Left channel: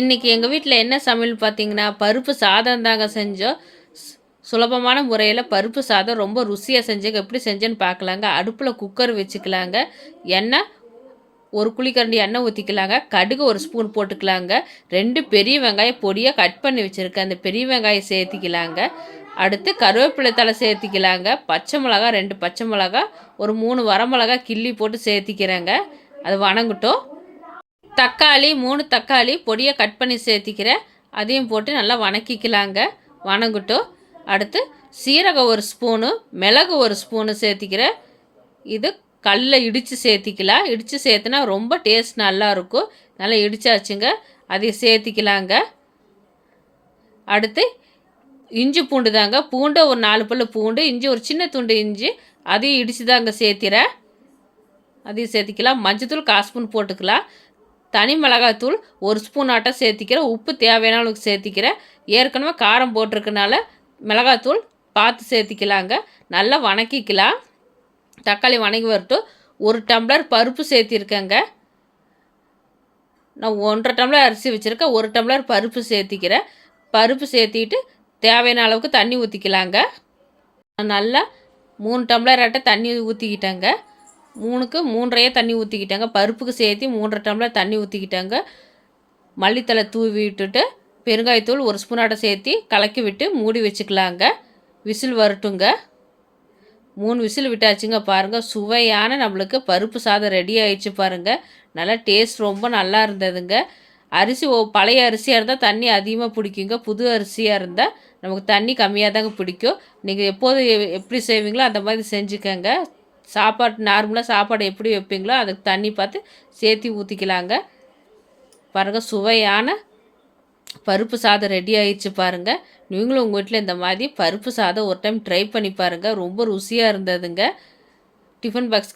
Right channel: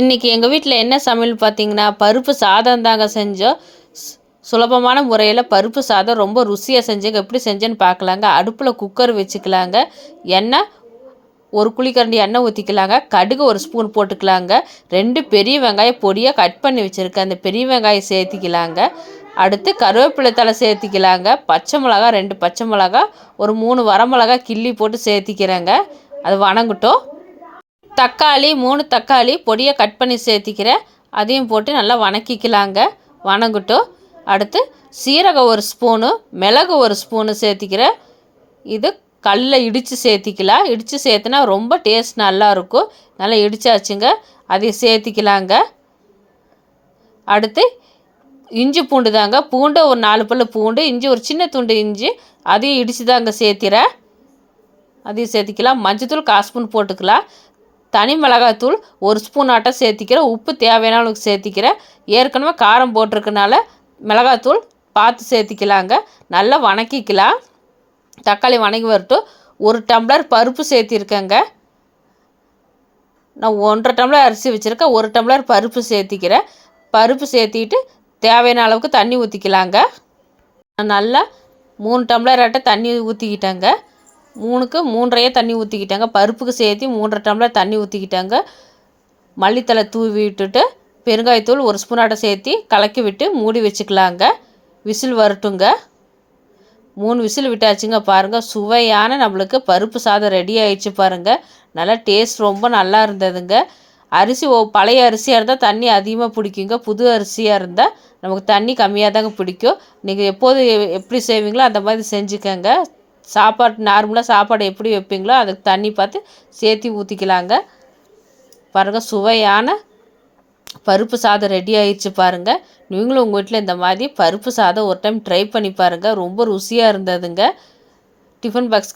இன்றைக்கி எங்கள் வீட்டில் என்ன சமையல் பார்த்தீங்கன்னா, பருப்பு சாதம் தாங்க செஞ்சோம். சுலபமான முறையில் பருப்பு சாதம் ரொம்ப ருசியாக செஞ்சேங்க. எப்படி செஞ்சேன்னு பார்க்கலாங்க. அடுப்பில் குக்கர் வச்சுக்கலாங்க. எண்ணெய் ஒரு குழிக்கரண்டி எண்ணெய் ஊற்றிக்கலாங்க. கடுகு ஒரு ஸ்பூன் போட்டுக்கலாங்க. 2 பெரிய வெங்காயம் பொடியாக கட் பண்ணி வச்சுருக்கேன். அந்த பெரிய வெங்காயம் சேர்த்திக்கலாங்க. அடுத்து கருவேப்பிலை தழை சேர்த்திக்கலாங்க. பச்சை மிளகா 2 பச்சை மிளகா, ஒரு 3 வரமிளகா கிள்ளி போட்டு சேர்த்திக்கிறேங்க. அது வணங்கட்டும். தக்காளி 3 தக்காளி பொடியை கட் பண்ணி சேர்த்திக்கிறேன். அதையும் போட்டு நல்லா வணக்கிக்கலாங்க. வணங்கட்டும். அடுத்து சீரகம் ஒரு ஸ்பூனு, மிளகு ஒரு ஸ்பூனு சேர்த்திக்கிறேன். இது கல்லில் இடித்து சேர்த்திக்கலாம். இடித்து சேர்த்துனா ரொம்ப டேஸ்ட் நல்லாயிருக்கும். நல்லா இடித்தாச்சுங்க. அதையும் சேர்த்திக்கலாங்க. அடுத்து இஞ்சி பூண்டு தாங்க. பூண்டு ஒரு 4 பல்லு பூண்டு, இஞ்சி ஒரு சின்ன துண்டு இஞ்சி, அதையும் இடித்து தாங்க சேர்த்திறேன். அதையும் சேர்த்திக்கலாம். மஞ்சத்தூள் 1/4 ஸ்பூன் போட்டுக்கலாம். தனி மிளகாய்த்தூள் ஒரு ஸ்பூன் ஆட்டம் சேர்த்திக்கிறேன். உப்பு தேவையான அளவுக்கு சேர்த்திக்கிறேன். ஏற்கனவே காரம் போட்டிருக்கனால மிளகாய்த்தூள் பார்த்து சேர்த்திக்கலாங்க. நல்லா வணக்கிக்கலாம். தக்காளி வணங்கி வரட்டும். 1 டம்ளர் பருப்பு சேர்த்திருக்கேங்க. நான் 1.5 டம்ளர் அரிசி வச்சுருக்கேன். 1 டம்ளர் பருப்பு சேர்த்திக்கிறேன். பருப்பு சேர்த்திட்டு தேவையான அளவுக்கு தண்ணி ஊற்றிக்கலாங்க. நல்லா 3 டம்ளர் ஆட்டம் தண்ணி ஊற்றிக்கிட்டேங்க. 3க்கு 3.5 தண்ணி ஊற்றிக்கிட்டாங்க. பருப்புக்கு சேர்த்து 3.5 டம்ளர் தண்ணி ஊற்றிக்கிட்டாங்க. மல்லித்தலை தூவி விட்டுட்டு பெருங்காயத்தூள் 1 ஸ்பூன் ஆட்டம் சேர்த்து கலக்கி விட்டு மூடி வச்சுக்கலாங்க. விசில் வரட்டுங்க. 3 விசில் விட்டாச்சுங்க. பாருங்கள், சுவையான நம்மளுக்கு பருப்பு சாதம் ரெடி ஆயிடுச்சு பாருங்கள். நல்லா டேஸ்ட் ரொம்ப நல்லா இருந்ததுங்க. அரிசி பழைய அரிசியாக இருந்தால் தண்ணி அதிகமாக பிடிக்குங்க. புது அரிசியாக இருந்தால் நமக்கு தண்ணி கம்மியாக தாங்க பிடிக்கும். நீங்கள் எப்போது எப்படி செய்வீங்களோ அந்த மாதிரி செஞ்சுக்கோங்க. நார்மலாக சாப்பாடு எப்படி வைப்பீங்களோ அதுக்கு தண்ணி பார்த்து சேர்த்து ஊற்றிக்கலாங்க. பாருங்கள், சுவையான பருப்பு சாதம் ரெடி ஆயிடுச்சு பாருங்கள். நீங்களும் உங்கள் வீட்டில் இந்த மாதிரி பருப்பு சாதம் ஒரு டைம் ட்ரை பண்ணி பாருங்கள். ரொம்ப ருசியாக இருந்ததுங்க. Tiffin box